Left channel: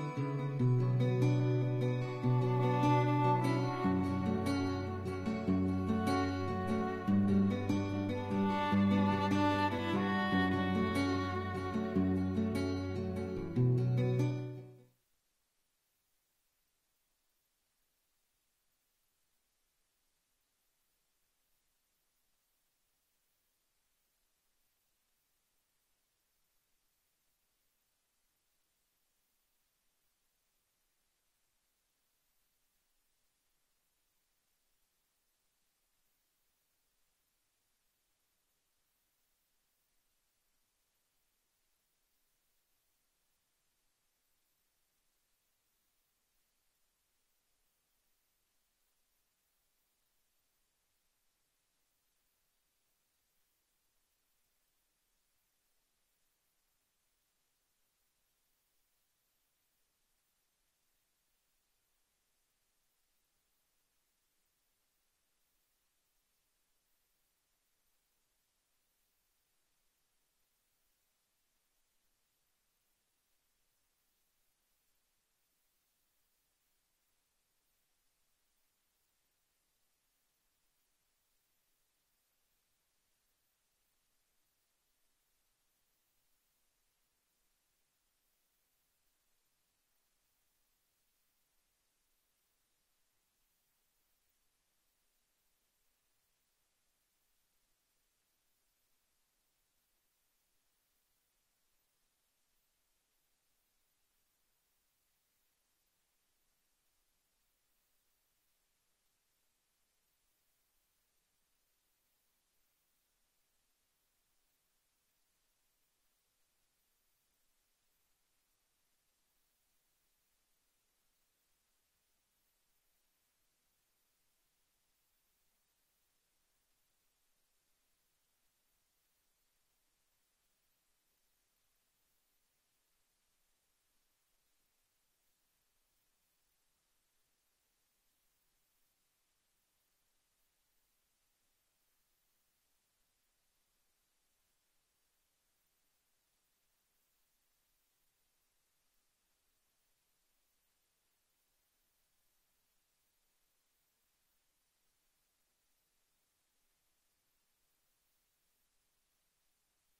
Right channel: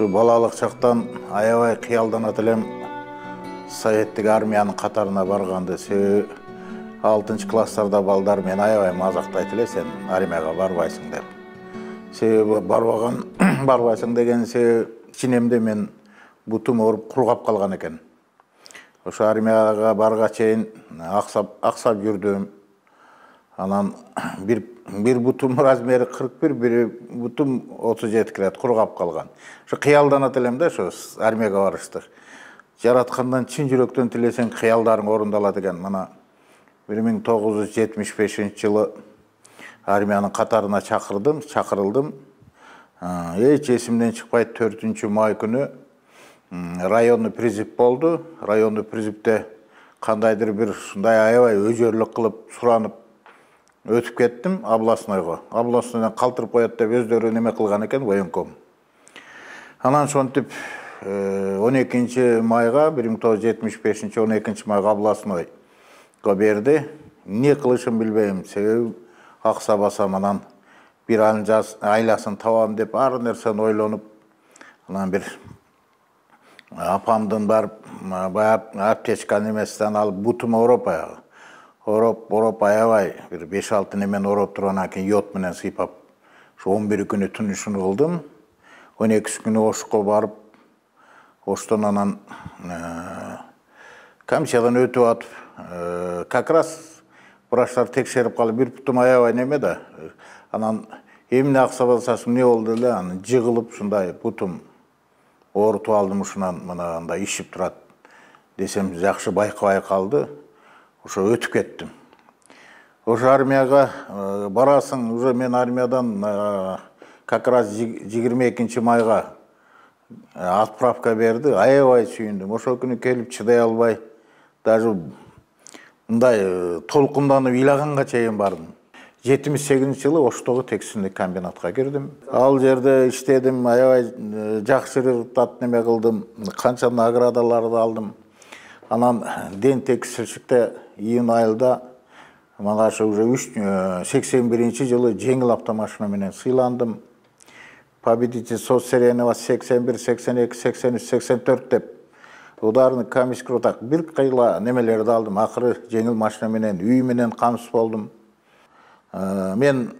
Балалық шақтан аябай қиялданат элем Советтик армиянын катарына барганды. Себеби 6-класстарда балдар мен аябай мазактайт эле, сен армияга барбайсың деп. Себеби барбайсың деген себеби ичинемде мен бутум ооруп кулгап калган экен. Ошо армияга барга чейин аксап жүрдүм. Анан bir бутум размери 41, bir бутум 37 килет кургап калган. Ошо кыялданат элем да, ошо армияга барыштык. Жараткандан чын жүрөктөн тилесең кыялдарың орундалат экен. Мына 1975-жылы армиянын катарына чакырылдым. Эч эсимден чыкпайт, 4-май күнү районный призыв болду. Районный призывде кандайдыр бир ушундай аябай өзөрлүк кылып суранып өтүп кеттим областнойго. Областнойдон калтырып коет деп өздөрү неме кылган экен военком. Анан ошентип 12-майга 1975-12 областнойго берди. Не кылышын билбейм. Себеби акса басам, анан бир айласын табам деп ар нерсени ойлонуп, анан бир апамдын барып аптечка немесинен алып бутум ороп аябай бир 5-6 немен ороп тургандан кийин йод менен сыйпап, ошо 11 күнү түнүшүн кылдым. 12 күнү Ошко барып, Оштон анан комиссиядан өтүп атып, как раз врачтар текшерип калып, бир бутум аябай неме да. Анан эмне акса басасың, не болду эле, анан жыгылып ушундай бутум оорутуп алдым, ушунан мына андай ишип турат десем, жакшы байкабай калды. Ошо өтүп кеттим. Ошо армияга барасың, уже мен армиядан как раз 22-майга отправка берди. Аябай сүйүндүм. Ошол күнү келип чыдай албай, даже мындай толкунданып ыйлаганга чейин бардым. 78-жылы Оштогу текстилдик комбинатка кирдим. Ал жерде иштедим, аябай жакшы результат неме кылдым, канча наградаларды алдым. Анан Ден текстилчикте июнь айында мага уже 81-жылы жеңил автомашина менен сыйландым. Победитель соцсеренова 81, 82, 83, 84 деп ударный комиссия так бир кыйла немелерди алдым. Акыры жеңил машина менен үй менен камсыз болдум. Мен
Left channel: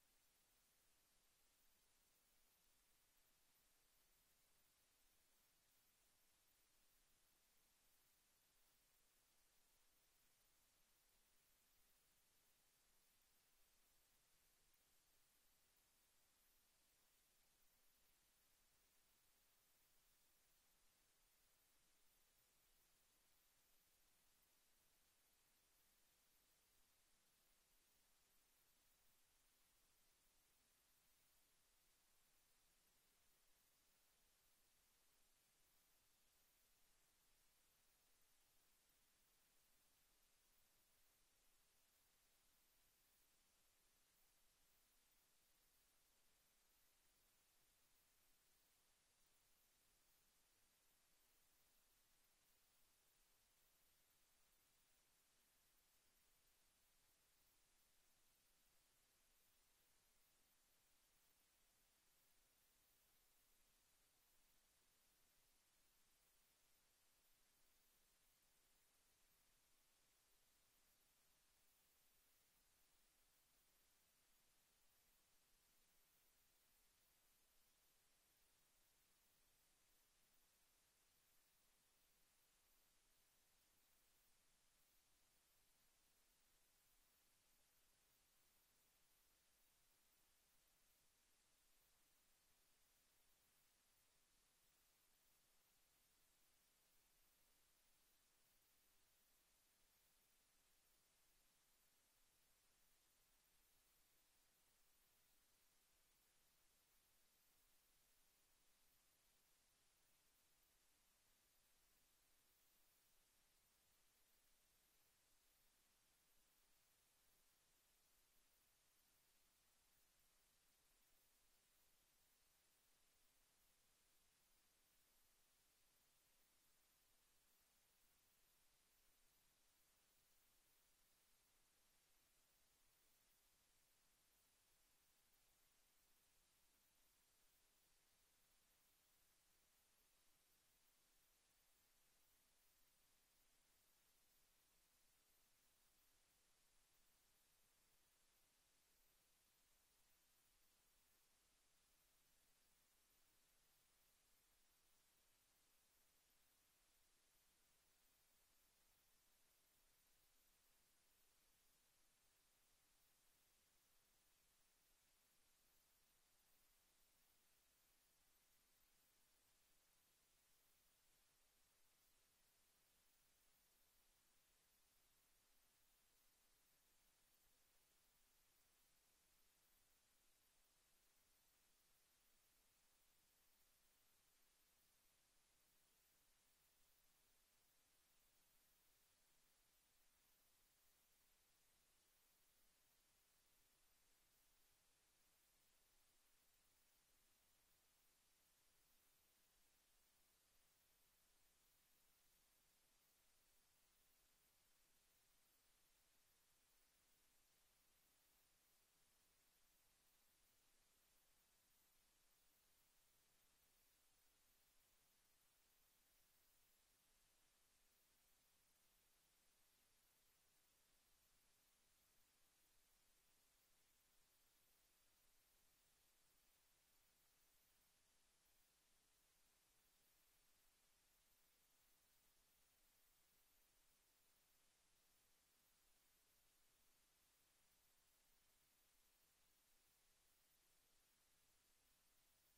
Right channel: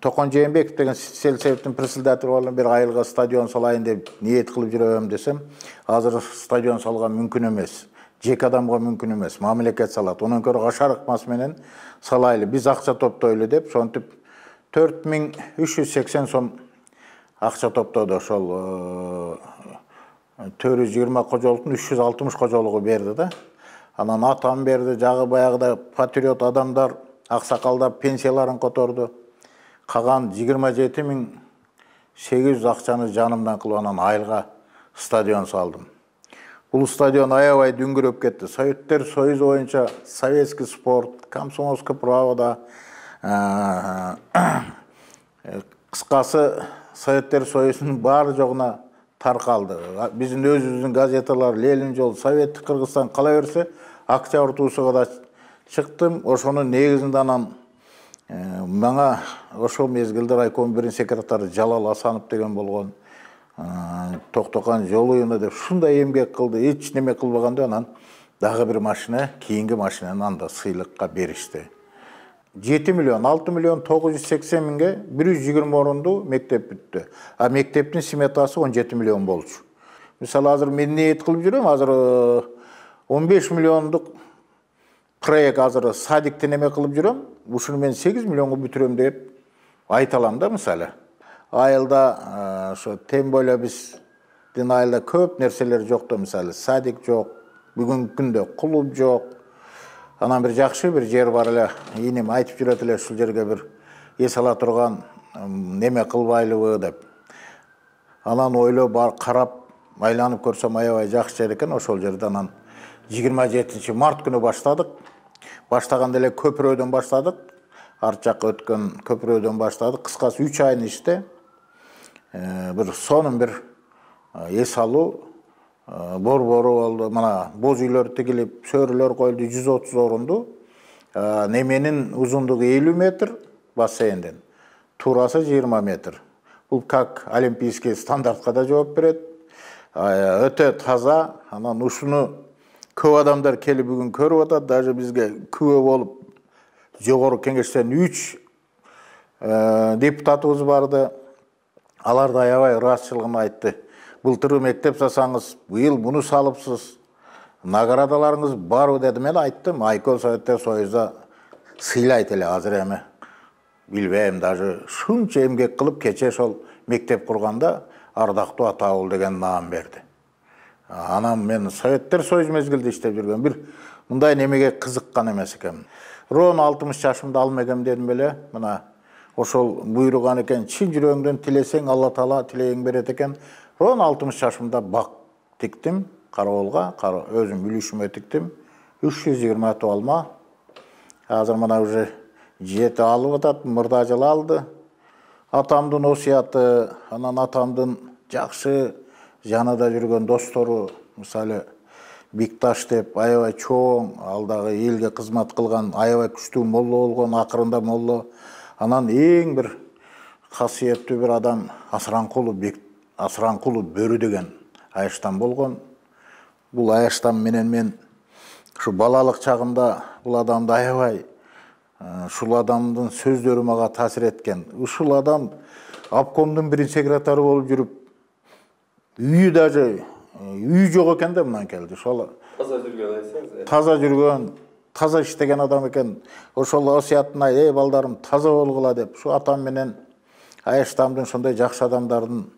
Токон Жээнбеков деген сельсоветтин председателі болдум. Бир айылга стадион салайын деп ниет кылып жүрөм десем, азыр стадион салган мүмкүн эмес. Жеке адамга мүмкүн эмес. Мамлекет салат. Онан көрө кашарыкмас менен салайлы. Биз акча топтойлу деп, сонтип 4380 сом акча топтоду. Ошол 420 кожолуктун 360 кожолугу берди да. Анан атам берди, жагы баягыда патриот адамдар, аксакалдар пенсияларын которду. Каган 27800 акчаны жанымдан кылып анан айылга стадион салдым. Бул стадион аябай дүңгүрөп кетти. Советтер Союзу боюнча советский спорт, комсомольский правда, кыскасы Советтер Союзунун баары жогуна таркалды. Биздин өзүбүздүн газеталар Ленин жол, Советтик Кыргызстан кала берсе, Октябрь туусуга да чыктым. Ошонун негизинде анан мага ошол мезгилде райком биринчи секретары Жалал Асанов деген болгон. Токтокан жолуюна деп шундай эмгек кылды, эч неме кылбаганда анан дагы бир машина, кийинки машинаны анда сыйлыкка беришти. 6 миллион 980 миңге 120 орунду мектеп бүттү. А мектептин сметасы 17 миллион болчу. Мисалы азыр мен ниет кылып жүрөм, азыр 15 миллиондук проект азыр садикте неме кылып жүрөм. Ушуну мен 8 миллионго бүтүрөм деп айта алам да, мисалы. Айылда ошо тем более биздин айылда көп нерселер жок да, мисалы садик жок, бүгүнкү күндө клуб жок. Анан бир жакшы бир жер бар эле, инем айтып жүрөт эле, ушул жерге бир эс ала турган неме кылбайлыбы деп. Анан ойлоп карап айланып көрсөм аябай жакшы жер экен. Ошол жерде анан 27-март күнү баштадык. Баштаганда эле көпүрөдөн баштадык. Арт жакка өткөн көпүрөдөн баштадык. Кыскасы 3 айын иште бир сонун бир эс алуу борбору болду. Мына боз үйлөр тигилип, сөрүлөр коюлду, 130 орунду. Неменин узундугу 50 метр бассейнден, туурасы 20 метр. Бул как олимпийский стандартка да жооп берет. Өтө таза. Анан ушуну көп адамдар келип бүгүн көрүп атат. Даже бизге күбө болуп жогорку кеңештен 3 депутатыбыз барды. Алар да аябай ыраазычылыгын айтты. Былтыр мектеп жасаңыз, быйыл муну салыпсыз. Наградаларыңыз барбы деди. Мен айттым, Айкөл Советтер Союзда сыйлайт эле азыр эми. Билбейм, даже шунча эмгек кылып кече ошол мектеп курганда ардактуу атабыл деген наам берди. Анан мен Советтер Союз мезгилде иштеп жүргөн бир мындай немеге кызыккан эмес экенмин. Ровно 60 жашымда алмегем дедим беле. Мына ошол буйруган экен, чын жүрөгүңдөн тилесең Алла Таала тилегиң берет экен. Ровно 60 жашымда бак тиктим, караболга, өзүм үлүшүмө тиктим. 320 атып алма. Азыр мына уже 7 алып атат, мурда жылы алды. Атамдын осуяты, анан атамдын жакшы жанында жүргөн достору, мисалы Бикташ деп аябай чоң, алдагы элге кызмат кылган, аябай күчтүү молло болгон, акырында молло. Анан эң бир касиеттүү бир адам Асыранкулу Бөрү деген Айыштан болгон. Бул Айыштан менен мен ушу балалык чагымда бул адамды аябай, ушул адамдын сөздөрү мага таасир эткен. Ушул адам обкомдун биринчи секретары болуп жүрүп, үйү даже үй жок экен да мындан келди. Ошол таза жүргөн айсаңыз. Таза жүргөн, таза иштеген адам экен. Ошол осуятына балдарым таза болгула деп, ушу атам менен Айыштамдын ошондой жакшы адамдардын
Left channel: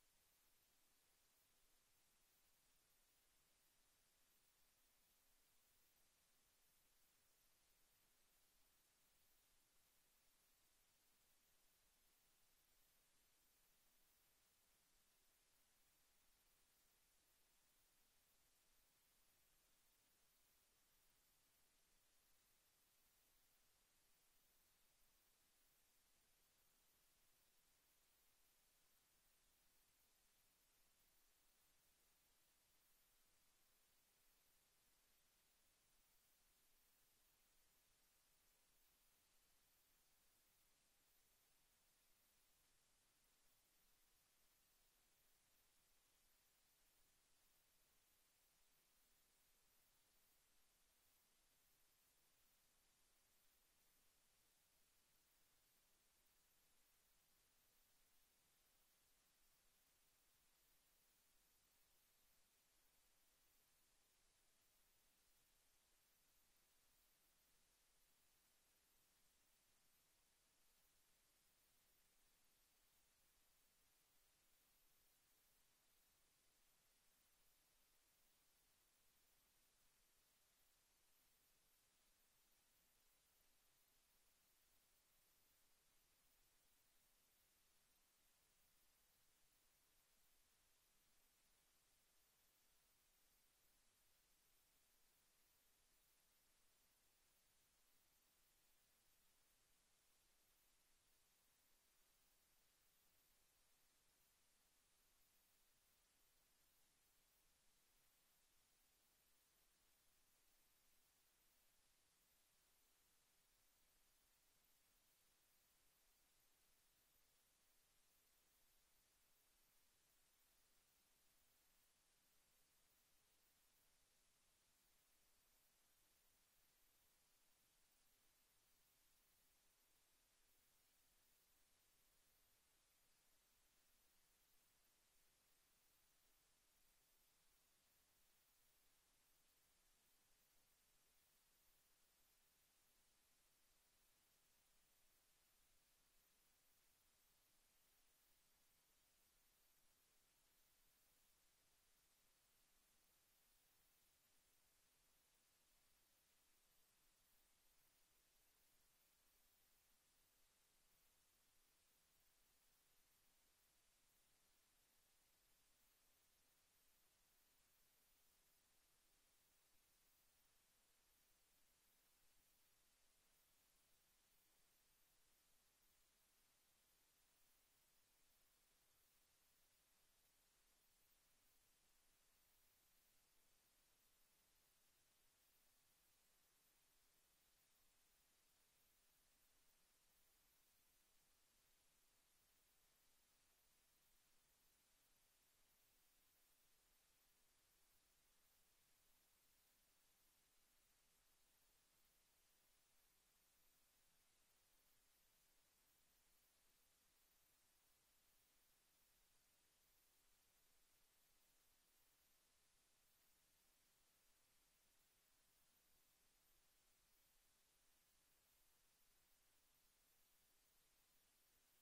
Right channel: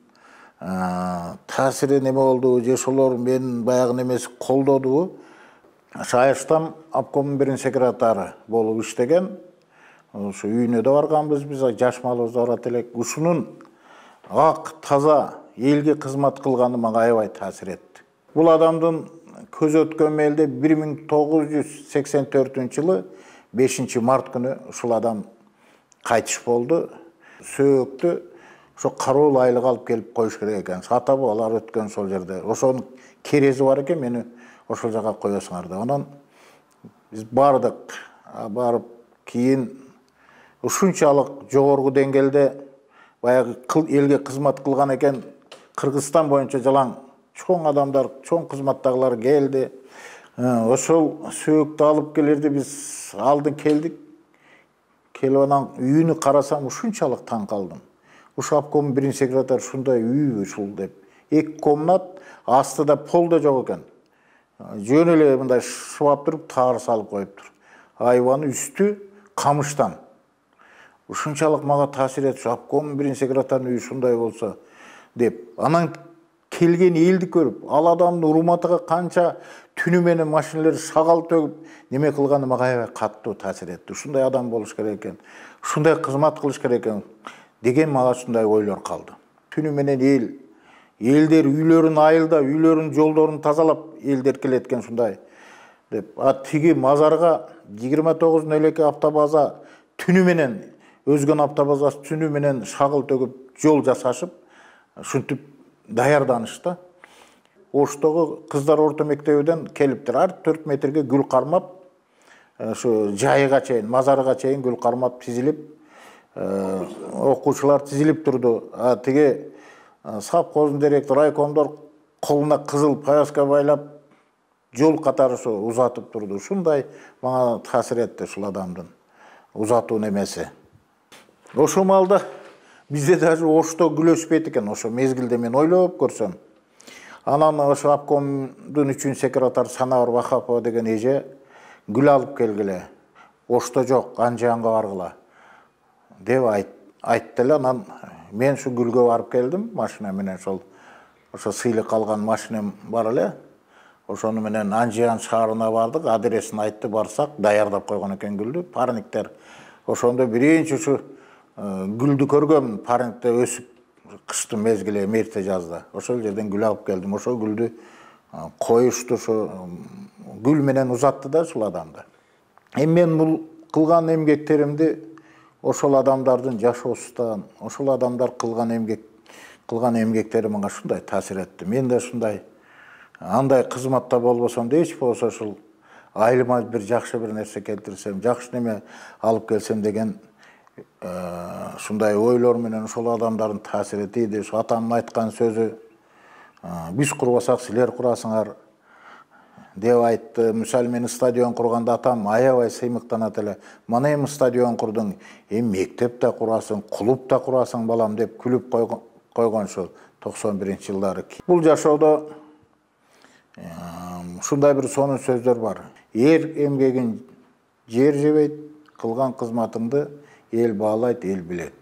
таасири неме болду, же ошолор менин баягы немеси колдоду. Айыштам обкомдун биринчи секретары болуп иштеген. Ушу үйүнө да барганбыз, биз жаш малыбызды барат элек. Ушунун ак, таза элге кызмат кылганы мага аябай таасир этти. Бул адамдын көз өткөн мээлде 1984-жылы 5-март күнү ушул адам кайтыш болду. Сөөктү ошо кароол айлык алып келип коюш керек экен. Ата бабалар өткөн сол жерде. Ошонун керези бар экен, мени ошол жака коесуңар деп. Анан биз бардык. Барып кийин ушунчалык жогорку деңгээлде баягы элге кызмат кылган экен. Кыргызстан боюнча жалаң чоң адамдар, чоң кызматтагылар келди. Ошол сөөктү алып келерди, биз алдын келдик. Келип анан үйүнү карасам ушунчалык таң калдым. Ушу обкомдун биринчи секретары ушундай үй ушул деп. 2 комнат, астыда пол да жок экен. Жөн эле мындай шыбап туруп, таар салып коюптур. Айбаны үстү камыштан. Ушунчалык мага таасир этти, обкомдун биринчи секретарынын үйү ушундай болсо деп. Анан келген элди көрүп, ал адамдын урматыга канча түнү менен машиналар шагал төгүп неме кылганы мага аябай каттуу таасир этти. Ушундай адам болуш керек экен, ушундай кызмат кылыш керек экен деген мага ушундай ойлор калды. Түнү менен элдер үйлөрүн айылда, үйлөрүнүн жолдорун тазалап, элдер келет экен ушундай деп. Тиги мазарга 29-02 автобаза түнү менен, өзгөн автобазасы түнү менен шагыл төгүп, жол жасашып, ушинтип даярданышты. Оштогу кыздар орто мектебинен келиптир. Ар 4 метрге гүл кармап, ошо жайыга чейин, мазарга чейин гүл кармап тизилип, окуучулар тизилип турду. Тиги совхоздун директору, райкомдор колуна кызыл повязка байлап, жол катары ошо узатып турду. Ушундай мага таасир этти ушул адамдын узатуу немеси. Ошол маалда бизде даже Ошто гүл өспөйт экен, ошо мезгилде мен ойлоп көрсөм. Анан ошо обкомдун 3-секретары Санабар Вахапова деген эже гүл алып келгиле. Ошто жок, Анжанга баргыла деп айтты эле. Анан мен ушу гүлгө барып келдим машина менен, ошо сыйлык алган машинам бар эле. Ошону менен Анжан шаарына бардык, адресин айтты, барсак даярдап койгон экен гүлдү. Парниктер ошондо биринчи ушу гүлдү көргөм, парниктер өсүп кыштын мезгили, мерте жазда. Ошол жерден гүл алып келдим. Ошол гүлдү коюшту, ошо гүл менен узатты да ушул адамды. Мен бул кылган эмгектеримди ошол адамдардын жашоосунан, ошол адамдар кылган эмгектери мага ушундай таасир этти. Мен да ушундай андай кызматта болбосом да, эч болсо ушул айылыма бир жакшы бир нерсе келтирсем, жакшы неме алып келсем деген Şunday oylor menен ошол адамдардын таасири тийди. Şu atamın aytkan sözü, biz kurbasak siler kurasыңар деп айтты. Misal meni stadion kurganda atam аябай сыймыктанат эле. Mana эми stadion курдуң, мектеп да kurasың, клуб да kurasың балам деп күлүп койгон şu 91-жылдары. Бул жашоодо şunday bir сонун сөздөр бар. Эр эмгегин жер жебейт, кылган кызматыңды эл баалайт, эл билет.